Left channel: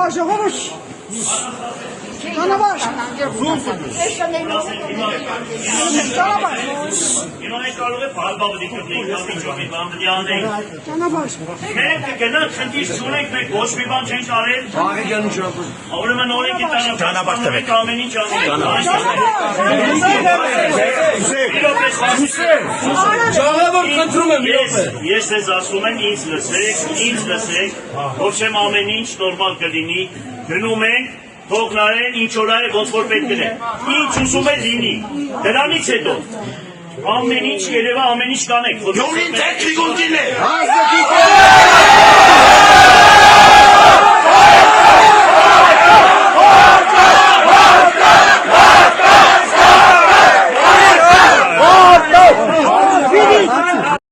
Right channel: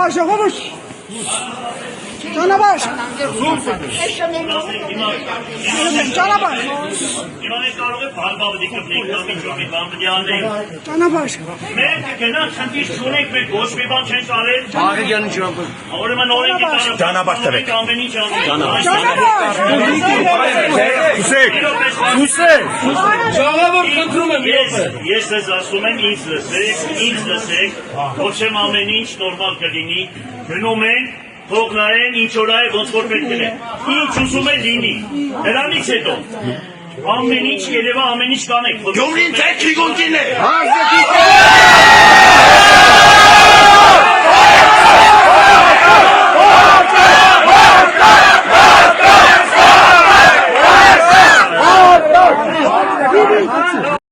Ես ես ասում եմ ինձ լսեք, ոչ եմ ամեն ինչ նորմալ կլինի, գնում ենք, թող նայեն ինչ օր է ոնց որ պետք է, ինչ ուզում է լինի, դրանից հետո ամեն ինչ երևա ամեն ինչ կանեք, Գյումրին թե քիգունքին է։